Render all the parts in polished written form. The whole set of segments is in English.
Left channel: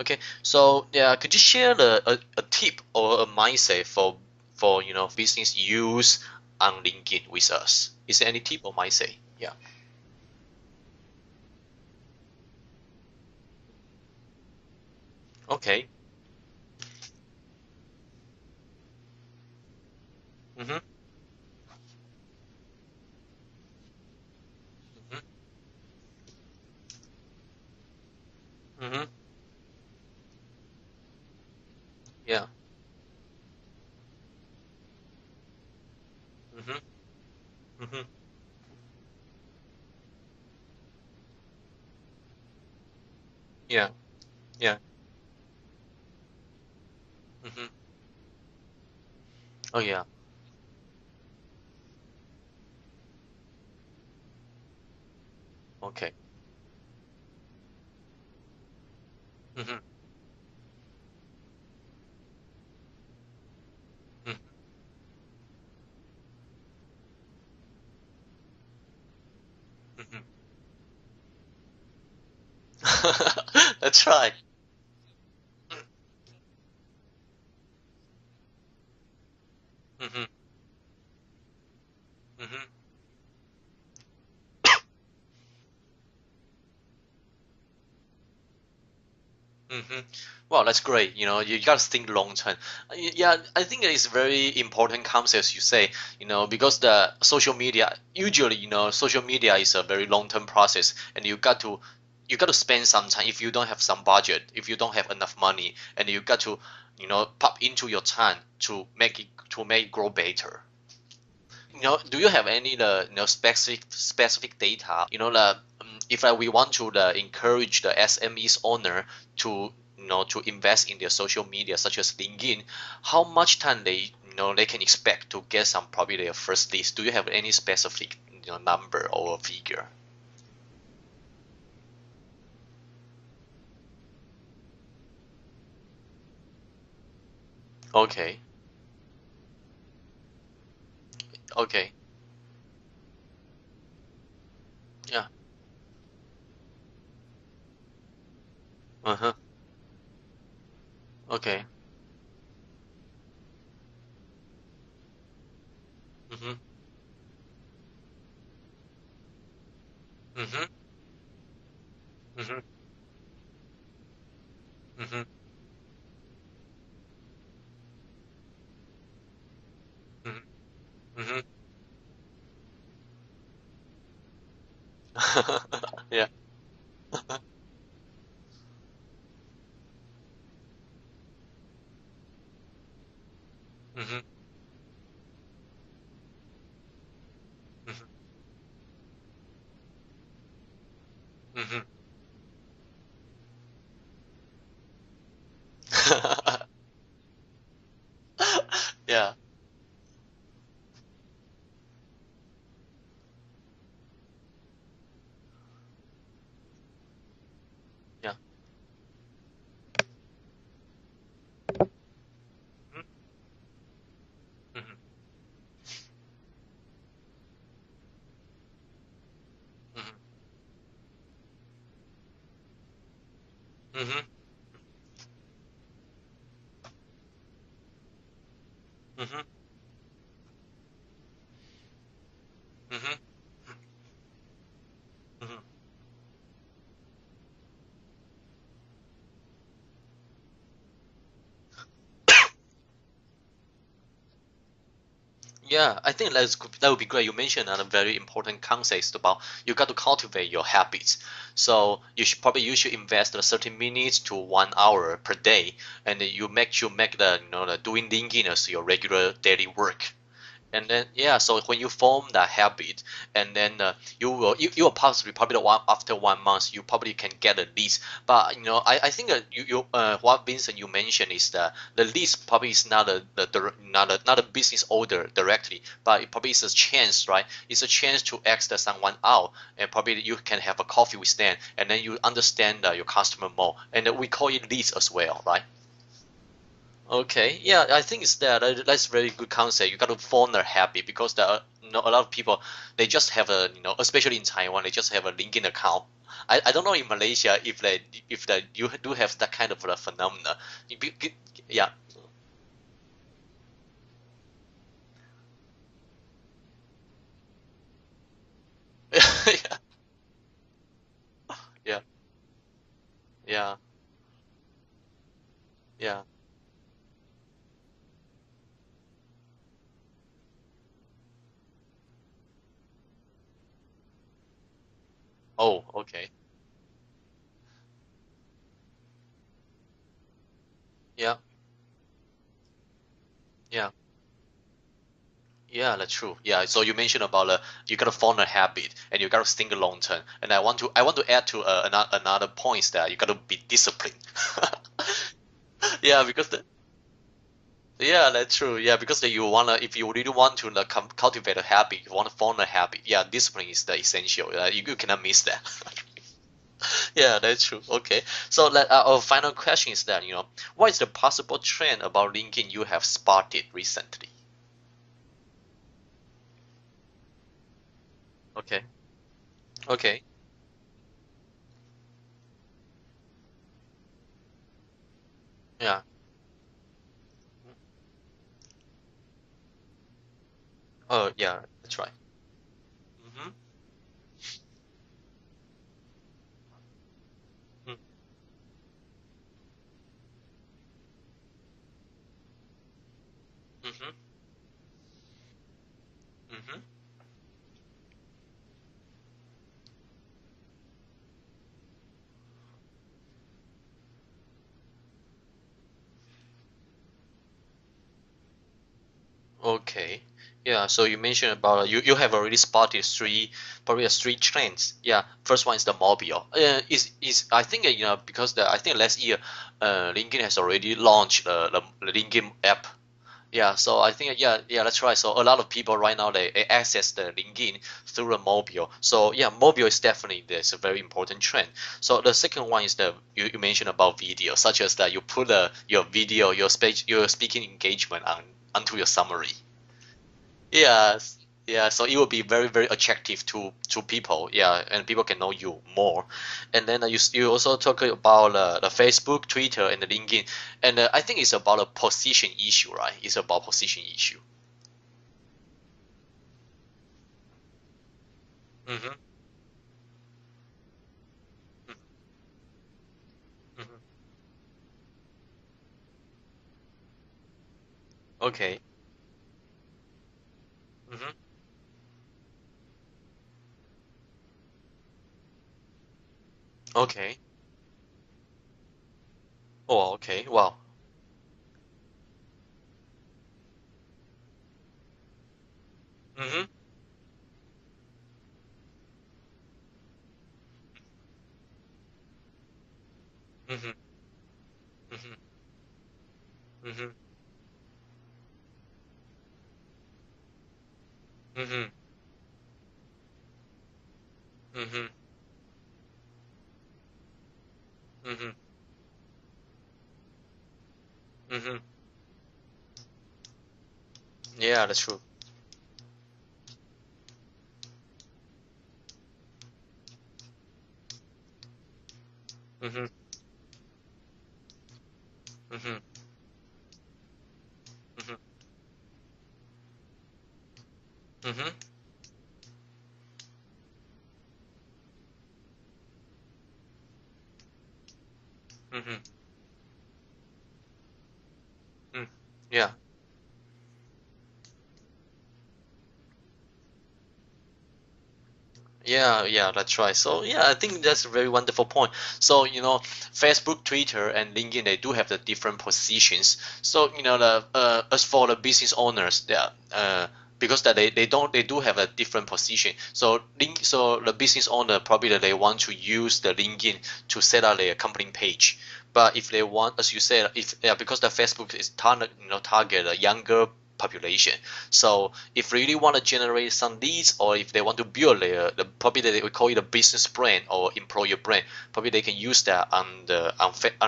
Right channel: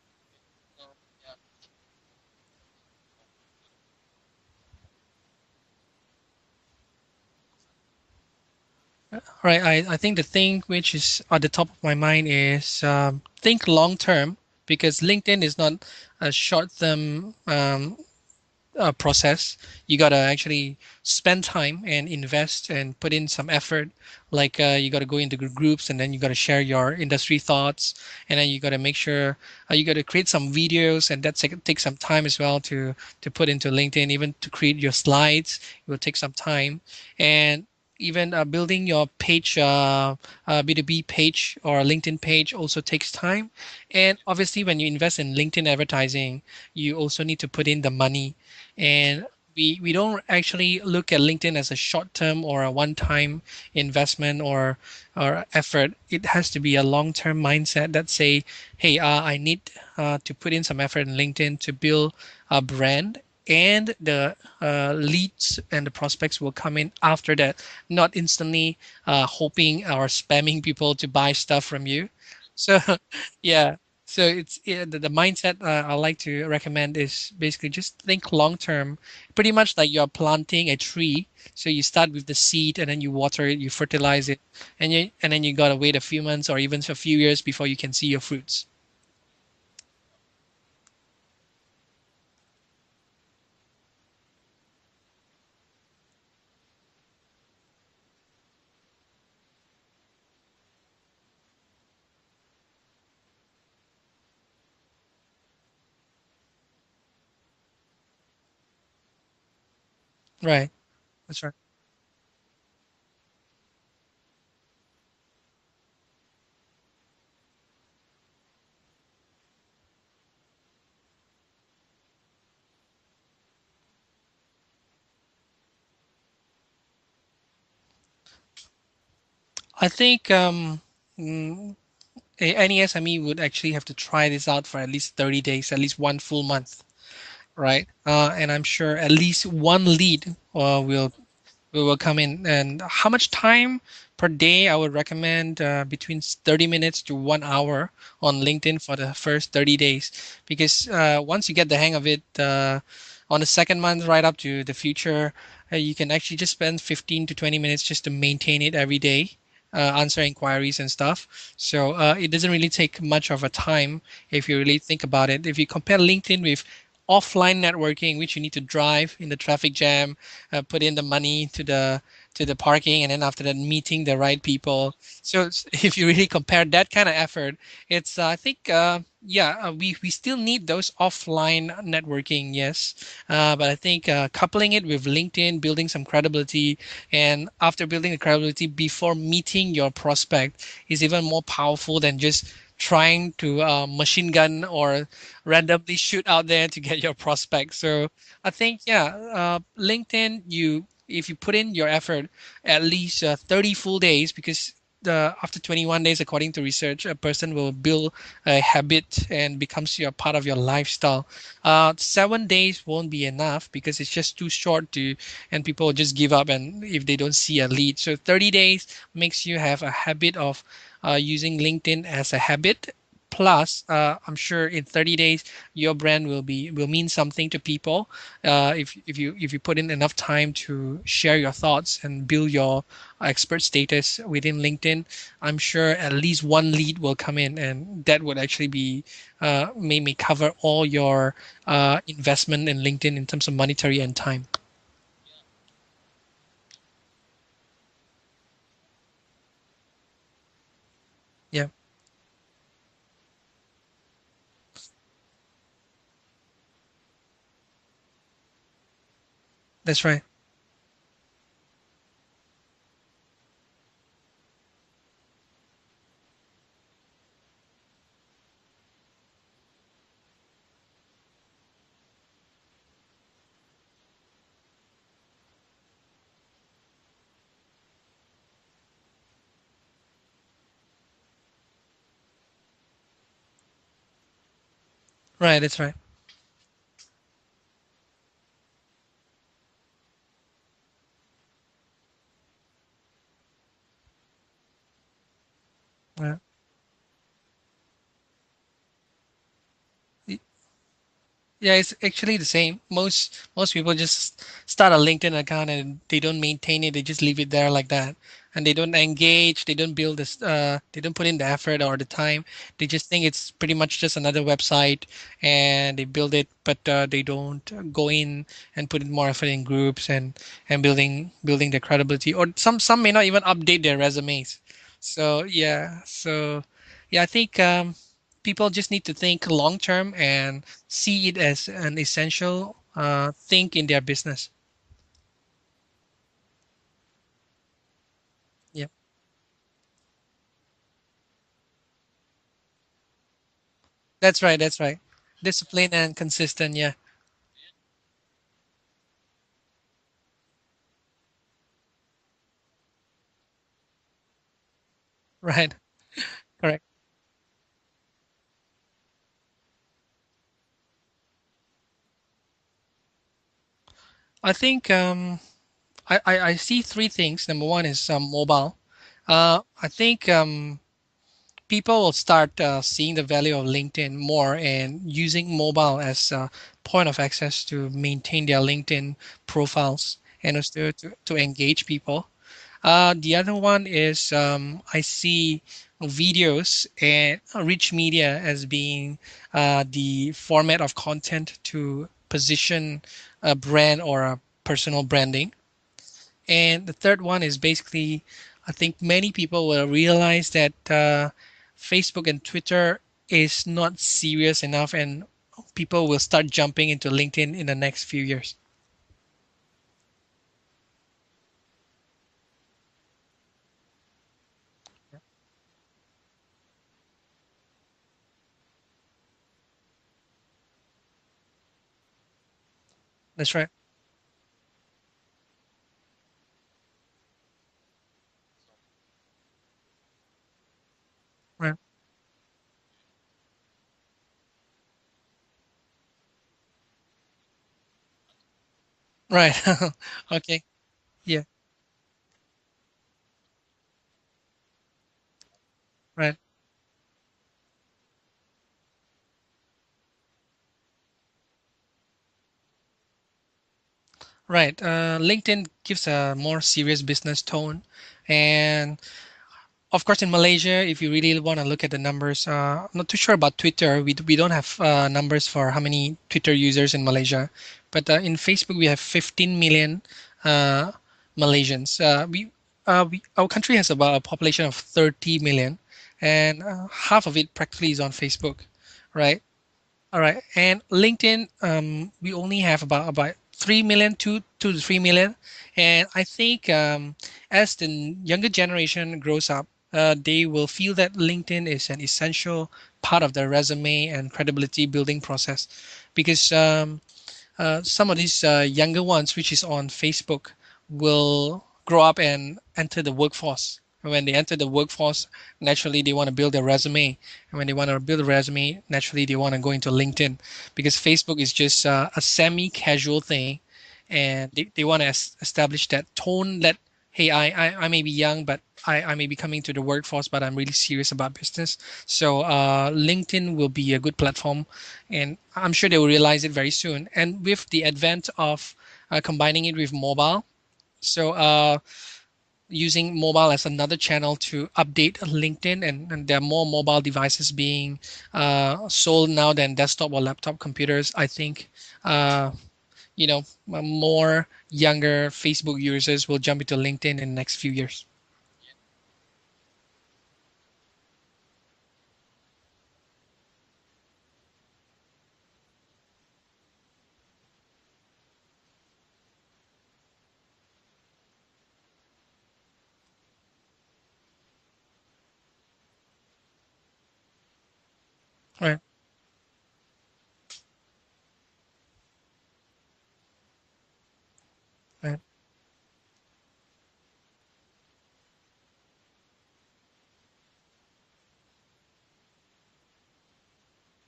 Okay, so yeah, could you share a tip or a mindset for business use on LinkedIn with us? Is there any tip or mindset? Yeah. Right. I think the thing which is at the top of my mind is think long term because LinkedIn is not Okay. a short term process. You gotta actually Mm-hmm. spend time and invest and put in some effort. Like you gotta go into groups and then you gotta share your industry thoughts, and then you gotta make Mm-hmm. sure you gotta create some videos, and that takes some time as Yeah. well to put into LinkedIn. Even to create your slides, it will take some Mm-hmm. time, and Mm-hmm. even building your page, B2B page or LinkedIn page also takes time. Yeah. And obviously, Yeah. when you invest in LinkedIn advertising, you also need to put Mm-hmm. in the money, and we Oh we yeah. don't actually look at LinkedIn as a short term or a one time investment or effort. Okay. It has to be a long term mindset that say, hey, I need Mm-hmm. to put in some effort in LinkedIn to build a brand, and the leads and the prospects will come in after that, not instantly hoping or Mm-hmm. spamming people to buy stuff from you. So yeah, That's so right. it's the mindset I like to recommend is basically just think long term, pretty much like you're Mm-hmm. planting a tree. So you start with the Mm-hmm. seed and then you water it, you fertilize it, and then you gotta wait a few months or even a few years before you can see your fruits. Mm-hmm. Well, that's great. You gotta think long term. Yeah, I think it is very important concept as you say. Because the social media usually, social media is a very long term process, and you got to spend some time. If you don't have some budget, if you don't have enough money, and you got to, pop into your time to make it grow better. Right. That's right. Do you have any specific data? If we want to encourage the SMEs owner to to invest in their social media such as LinkedIn, how much time they can expect to get some probably their first list? Do you have any specific number or figure? I think mm, any SME would actually have to try this out for at least 30 days, at least one full month, right? Okay, And I'm sure at least one lead okay, will come in. And how much time per day? I would yeah, recommend between 30 minutes to 1 hour on LinkedIn for the uh-huh, first 30 days. Because once you okay, get the hang of it, on the second month, right up to the future, you can actually just mm-hmm, spend 15 to 20 minutes just to maintain it every day. Answer mm-hmm, inquiries and stuff. So it doesn't mm-hmm, really take much of a time if you really think mm-hmm, about it. If you compare LinkedIn with offline networking, which you need to drive in the traffic jam, put in the mm-hmm, money to the parking, and then after that meeting the right people. So if you really yeah, compare that kind of effort, it's I think yeah, we still need those offline networking, yes, but I think mm-hmm, coupling it with LinkedIn, building some credibility, and after mm-hmm, building the credibility before meeting your prospect is even more powerful mm-hmm. than just trying to machine gun or randomly shoot out there to get your prospect. So I think yeah, Yeah. LinkedIn, you if you put in your effort at least 30 full days, because after 21 days, according to research, a person will build Yeah. a habit and becomes your part of your lifestyle. 7 days won't be enough because it's just too short Mhm, to, and people will just give up and if they don't see a lead. So 30 days makes you have a mhm, habit of using LinkedIn as a habit. Plus, mhm, I'm sure in 30 days your brand will mean something to people. mhm, If you put in enough time to share your thoughts and build your mhm, expert mhm, status within LinkedIn, I'm mhm. sure at least one lead will come in, and that would actually be may cover all your investment in LinkedIn in terms of monetary and time. Yeah, I think that would be great. You mentioned a very important concept about you got to cultivate your habits. Yeah, So you should invest 30 minutes to 1 hour per day, and then you make the doing LinkedIn as your regular daily that's work. right. And then yeah, so when you form that habit, and then you will possibly probably after 1 month you probably can get a lease. But I think what Vincent you mentioned is that the lease probably is not not a business order directly, but it probably is a chance, right? It's a chance to ask someone out, and probably you can have a coffee with them, and then you understand your customer more, and we call it leads as well, Right, right? that's right. Okay, yeah, I think it's that's very good concept. You got to form a habit because a lot of people they just have a especially in Taiwan they just have a LinkedIn account. Uh, I don't know in Malaysia if they you do have that kind of a phenomena. Yeah, Yeah. it's actually the same. Most people just start a LinkedIn account and they don't maintain it. They just leave it there like that, and they don't engage. They don't build this. They don't put in the effort or Yeah. the time. They just think it's pretty Yeah. much just another website, and they Yeah. build it, but they don't go in and put in more effort in groups and building their credibility. Or some may not even update their resumes. So Oh, yeah, okay. so yeah, I think people just need to think long term and see Yeah. it as an essential thing in Yeah. their business. Yeah, that's true. Yeah, so you mentioned about you gotta form a Yeah, habit and you gotta think long term. And I want to add to another points that you gotta be disciplined. that's right. That's right. Discipline and Yeah, because consistent. Yeah, yeah, that's true. Yeah, because you wanna if you really want to cultivate a habit, you wanna form a habit. Yeah, discipline is the essential. You cannot miss that. right. Correct. Yeah, that's true. Okay, so our final question is that what is the possible trend about LinkedIn you have spotted recently? I think I see three things. Number one is mobile. Okay. I Okay. think people will start seeing the value of LinkedIn more and using mobile Yeah. as a point of access to maintain their LinkedIn profiles and also Oh to yeah, engage that's right. people. The Mm-hmm. other one is I see videos and rich Mm-hmm. media as being the format of content to position a brand Mm-hmm. or a personal branding. And the third one is basically, I think many people will realize that Facebook and Twitter is not serious enough, and people will start jumping into LinkedIn in the next few years. Okay. Yeah, so you mentioned about you have already spotted probably three trends. Yeah, first one is the mobile. Is I think because I think last year, LinkedIn has already launched the LinkedIn app. That's right. Yeah, so I think yeah that's right. So a lot of people right now they access the LinkedIn through the mobile. So yeah, mobile is definitely there's a very important trend. Right. So the second one is the you mentioned about video, such as that you put your video your speaking engagement onto your summary. Right. Okay. Yes. Yeah. Yeah, so it will be very, very attractive to people. Yeah, and people can know you more. Right. And then you also talk about the Facebook, Twitter, and the LinkedIn. And I think it's about a position issue, right? It's about position issue. Right. LinkedIn gives a more serious business tone. And Mm-hmm. of course, in Malaysia, if you really want to look at the numbers, I'm not too sure about Twitter. We don't have numbers for how many Twitter users in Malaysia. But in Facebook, Okay. we have 15 million uh, Mm-hmm. Malaysians. Our country has about a population of 30 million, and half of Okay. it practically is on Facebook, right? Oh, All right. okay. Wow. And LinkedIn, we only have about 3 million, 2 to 3 million. And I Mm-hmm. think as the younger generation grows up, they will feel that LinkedIn is an essential part of their Mm-hmm. resume and credibility building Mm-hmm. process. Because Mm-hmm. some of these younger ones, which is on Facebook, will Mm-hmm. grow up and enter the workforce. And when they enter the Mm-hmm. workforce, naturally they want to build a resume. And when they want to build a Mm-hmm. resume, naturally they want to go into LinkedIn because Facebook is Mm-hmm. just a semi-casual thing, and they Yeah, that's want to true. establish that tone that hey, I may be young, but I may be coming to the workforce, but I'm really serious about business. So Mm-hmm. LinkedIn will be a good platform, and I'm sure Mm-hmm. they will realize it very soon. And with the advent Mm-hmm. of combining it with mobile, so Mm-hmm. using mobile as another channel to update LinkedIn, and there are more mobile devices being Mm-hmm. sold now than desktop or laptop computers. I think Mm-hmm. uh, Yeah. more younger Facebook users will jump into LinkedIn in the next few years. Yeah, yeah, that's right. So yeah, I think that's a very wonderful point. So Facebook, Twitter, and LinkedIn they do have the different positions. So the as for the business owners, they are because that they do have a different position. So the business owner probably that they want to use the LinkedIn to set up their company page. Right, But if they want, as you said, if yeah, because the Facebook is target a younger population. Right. So if really want to generate some leads, or if they want to build probably they would call it a business brand or employer brand, probably they can use that on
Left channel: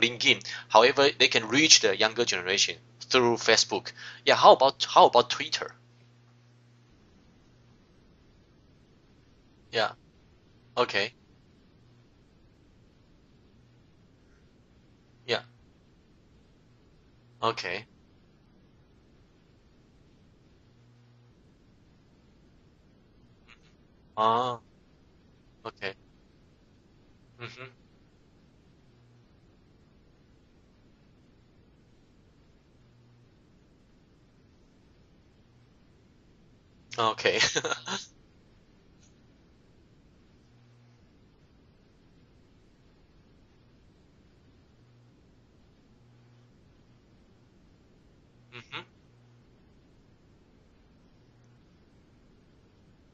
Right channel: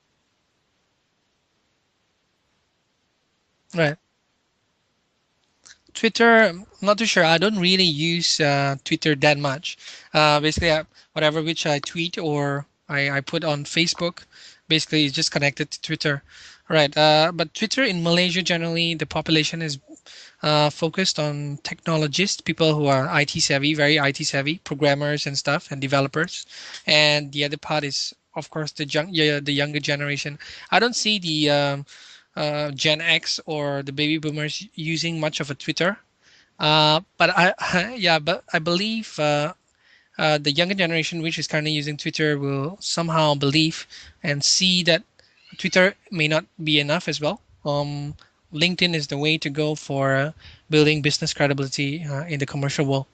LinkedIn. However, they can reach the younger generation through Facebook. Right. Yeah, how about Twitter? Twitter, I'm not too sure. I don't really use Twitter that much. Yeah. Basically, Okay. whatever which I tweet or I put on Facebook, basically is just Yeah. connected to Twitter. Right. But Twitter Okay. in Malaysia, generally, the population is focused on technologists, people who are IT savvy, very IT savvy, Ah. programmers and stuff, and Okay. developers. And the other Mhm. part is, of course, the younger generation. I don't see the Gen X or the baby boomers using much of a Twitter. But Okay. yeah, but I believe the younger generation, which is currently using Twitter, will somehow believe and see that Twitter may not be enough as well. Mhm. LinkedIn is the way to go for building business credibility in the commercial world.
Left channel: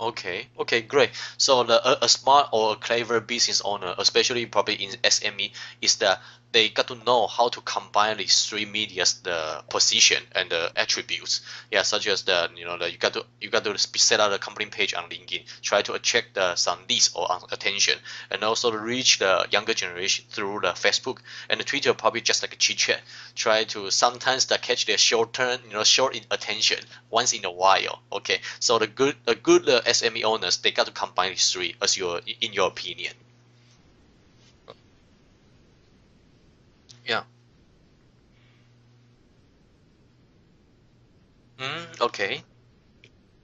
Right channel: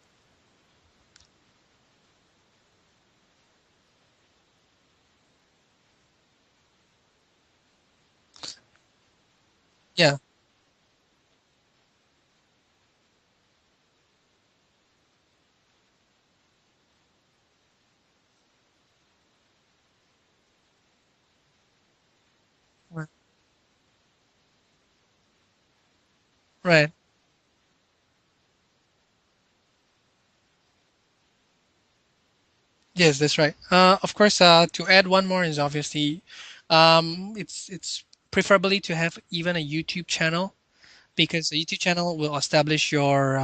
Okay, okay, great. So a smart or a clever business owner, especially probably in SME, is that they got to know how to combine these three media's the Yeah, position and the attributes. Yeah, such as you got to set out a company page on LinkedIn, try to attract some leads or attention, and also to reach the younger generation through the Facebook and the Twitter, probably just like a chit chat. right, Try to sometimes catch their short turn, short in attention right. once in a while. Okay, so the good SME owners, they got to combine these three as in your opinion. Yes, that's right. Of course, to add one more is obviously, Yeah. it's preferably to have even a YouTube channel because a YouTube channel will Okay. establish your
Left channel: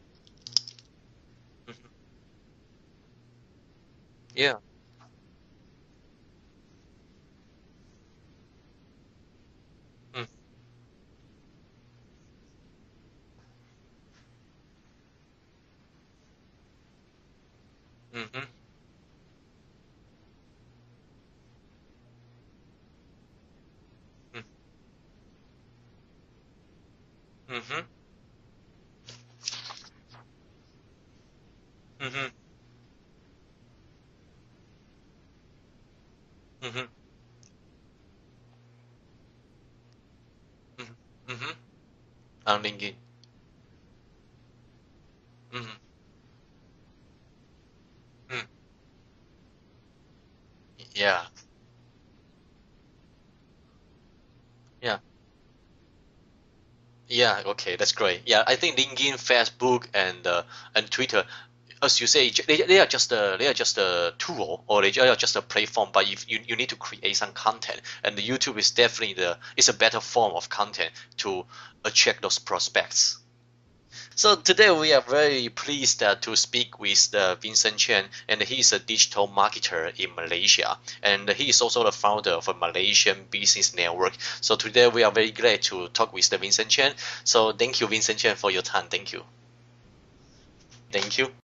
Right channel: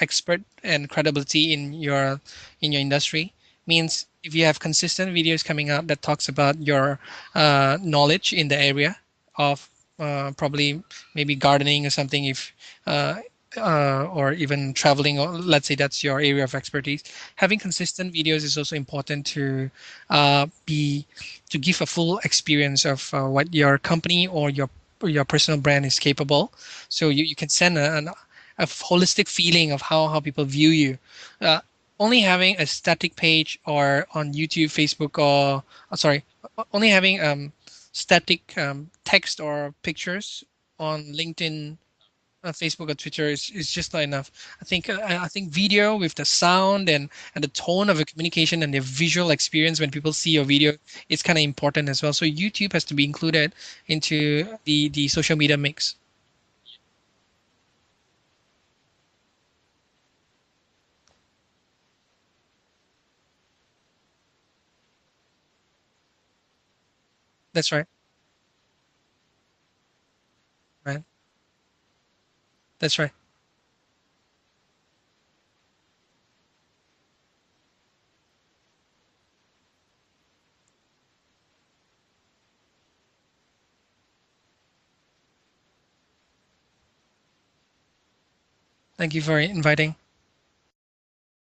expert and credibility in your industry. Means if you Yeah. have consistent videos coming out that talks about your knowledge in the area of Mm, probably maybe gardening or something, if uh, or even traveling, or let's say that's your area of expertise. Having consistent videos mm-hmm, is also important be to give a full experience of what your company mm, or your personal brand is capable, so you can send mm-hmm, a holistic feeling of how people view you. Uh, Only mm-hmm, having a static page or on YouTube, Facebook, or sorry, mm-hmm, only having static text or pictures mm, on mm-hmm. LinkedIn, On Facebook LinkedIn. or Twitter is just not enough. I think Mm-hmm, video with the sound and the tone of the mm, communication and the visual experience when people see your video is yeah. kind of important as well. So YouTube has to be included into the Yeah. the social media mix. Yeah. Okay. That's great. Yeah. I think LinkedIn, Facebook, and Twitter, as you say, they are just a tool, or they are just a platform. But if you need to create some That's content, right. and the YouTube is definitely it's a better form of content Right. to attract those That's right. prospects. So today we are very pleased to speak with Vincent Chen, and he is a digital marketer in Malaysia, and he is also the founder of a Malaysian business network. So today we are very glad to talk with the Vincent Chen. So thank you, Vincent Chen, for your time. Thank Thank you you. for inviting. Thank you.